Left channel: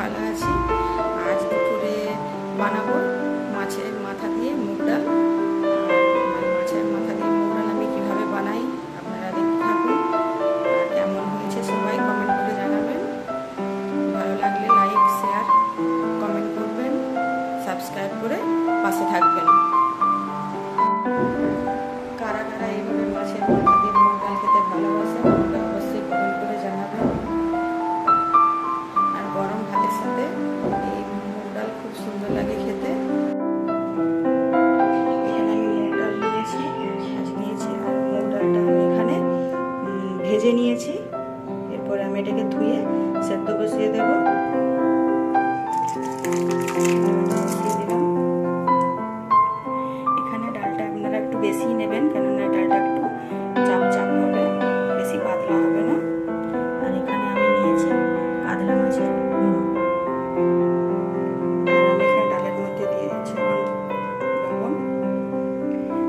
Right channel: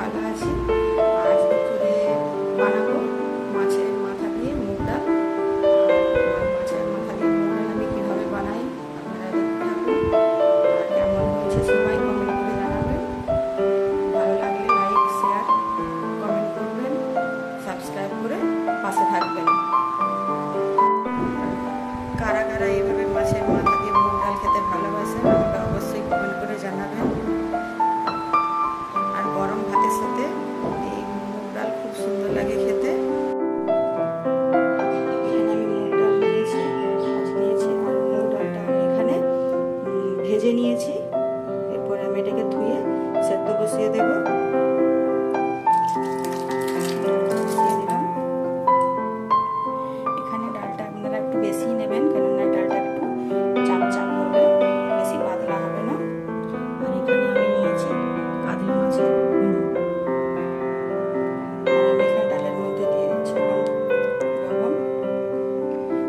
ভালো আছি। আজ দুপুরে বানাবো মাছের মাথা দিয়ে মুগ ডাল। আর মাছের মাথা দিয়ে মুগ ডাল আমি কীভাবে বানাই আপনারা দেখতে থাকুন। আর কেমন হয়েছে সবাই কমেন্ট করে জানাবেন। ভালো লাগলে লাইক শেয়ার কমেন্ট করবেন, সাবস্ক্রাইব করে পাশে থাকবেন। কারা কারা এইভাবে মাছের মাথা দিয়ে মুগ ডাল খেতে ভালোবাসেন আমাকে অবশ্যই কমেন্ট করে জানাবেন। আর গরম ভাতের সাথে এই মুগ ডাল খুব সুন্দর লাগে খেতে। এখানে আমি মুগ ডাল নিয়েছি, আর মুগ ডালটা আমি এখানে ভেজে নিয়েছি। এরপর আমি এটাকে ধুয়ে সেদ্ধ বসিয়ে দেবো। এখানে ডালটা আপনারা একটু বেশি নেবেন, কেননা ডালটা একটু চাপ চাপ হবে, বেশি পাতলা হবে না। আর এখানে আমি নিয়েছি কাতলা মাছের মুড়ো, আর আমি এখানে ডালের মধ্যে দিয়ে দিচ্ছি এখন লবণ।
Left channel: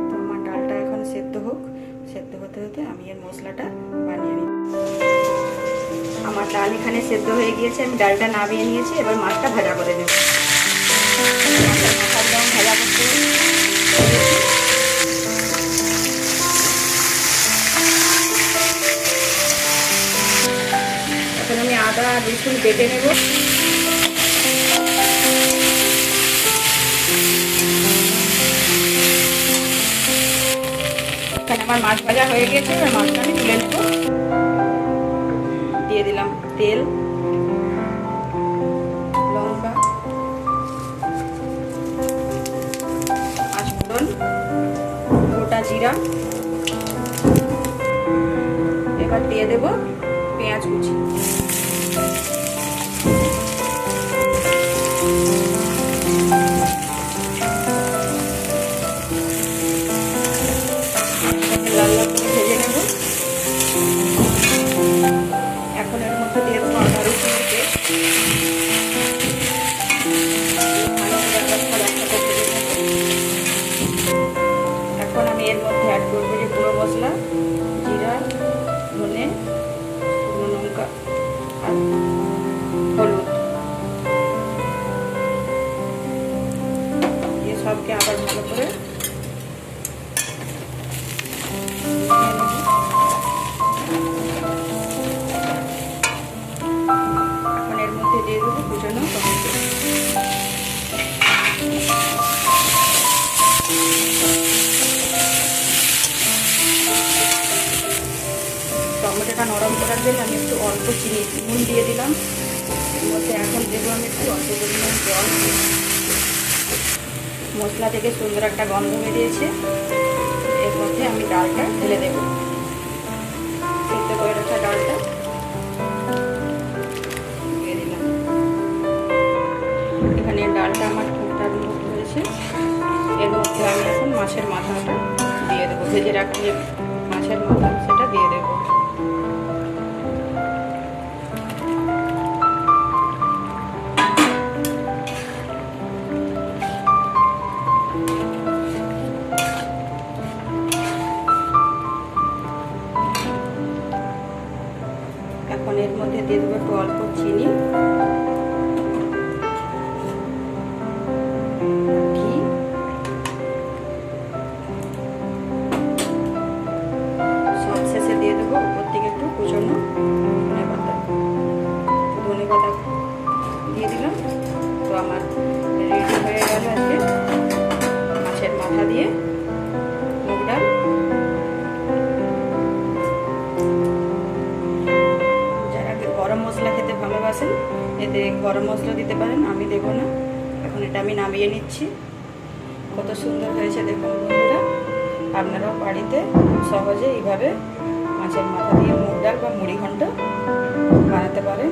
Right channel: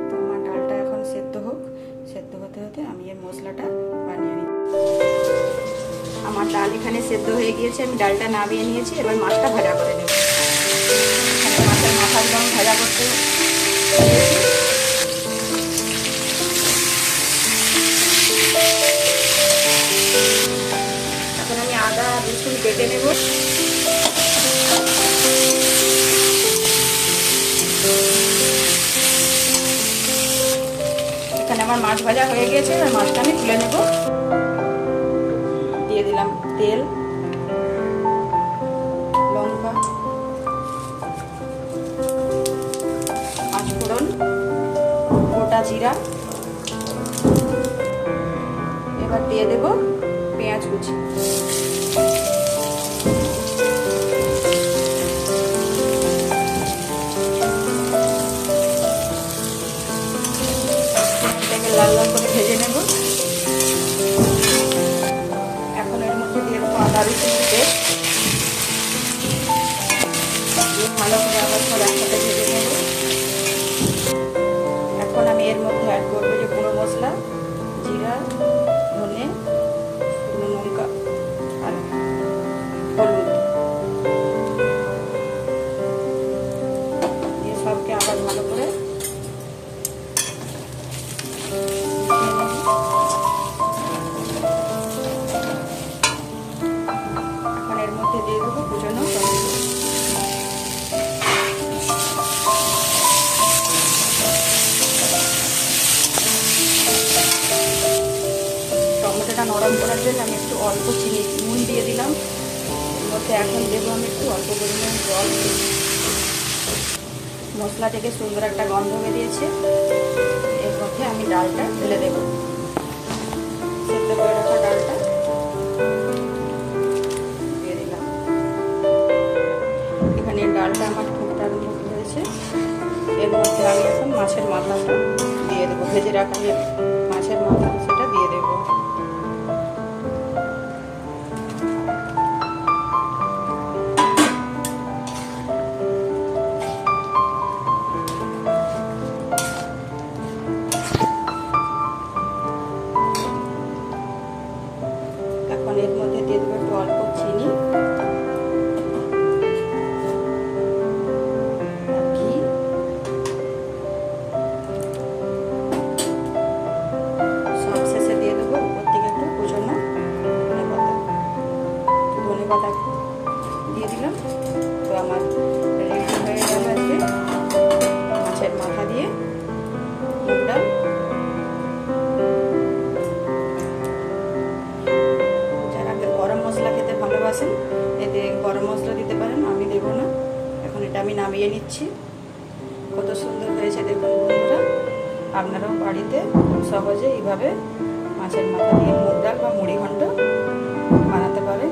তো আমার ডালটা এখন সেদ্ধ হোক, সেদ্ধ হতে হতে আমি এর মশলাটা বানিয়ে নিই। আমার ডাল এখানে সেদ্ধ হয়ে গিয়েছে, আমি ডালটা নামিয়ে নিয়েছি। এবার মাছটা ভাজা করে নেব। এখানে মাছের মাথাগুলো আমি ভাজা করতে দিয়েছি। এখন আমি আদা রসুন বেটে নেব। এখানে আমার মাছ ভাজা হয়ে গিয়েছে, এবার মাছটা আমি তুলে নেব। দিয়ে দিলাম তেল, লঙ্কা, পাঁচফোড়ন, গোটা জিরা। এবার দিয়ে দেব পেঁয়াজ কুচি। এটাকে লাল লাল করে ভেজে নেব। এখন এর মধ্যে দিয়ে দেবো আদা রসুনের পেস্ট। ভালো করে আবার সব একসাথে ভেজে নেব। এখন আমি এর মধ্যে অ্যাড করবো যে গুঁড়ো মশলা, জিরা, ধনে, শুকনো লঙ্কা আর হলুদ দিয়ে সবকে আবার ভালো করে এখন এর মধ্যে দিয়ে দেবো কুচানো টমেটো। টমেটোটা নরম করার জন্য আমি একটু অল্প নুন দিয়ে দিলাম। এর মধ্যে এখন দেবো আমি একটু অল্প পরিমাণ জল। মশলা থেকে সুন্দর একটা গন্ধ বেরিয়েছে। এর মধ্যে আমি ডালটা ঢেলে দেব, সেদ্ধ করে রাখা ডালটা দিয়ে দিলাম। এখানে ডালটা আমার ফুটতে আরম্ভ হয়েছে। এর মধ্যে আমি এখন মাছের মাথাটা দিয়ে দেবো, ভেজে রাখা যে মাছের মাথা সেটা দিয়ে দেবো। এখন এর মধ্যে দিয়ে দেবো একটু অল্প চিনি, ঘি, সব শেষে দিয়ে দেবো উপর থেকে একটু কুচনো ধনে পাতা। ধনে পাতা দিয়ে দিলাম। তো আমার রেডি হয়ে গেল আজকে মাছের মাথা দিয়ে মুগ ডাল। গরম মশলা খেতে ভালোবাসেন, এতে গরম মশলা দিতে পারেন, আমি দেবো না। এখন এটা আমি নামিয়ে নিচ্ছি। কত সুন্দর হয়েছে দেখুন বন্ধুরা। আপনারাও বাড়িতে সহজে এইভাবে মাছের মাথা দিয়ে মুগ ডাল বা মুড়ি ঘন্ট বানাতে পারেন।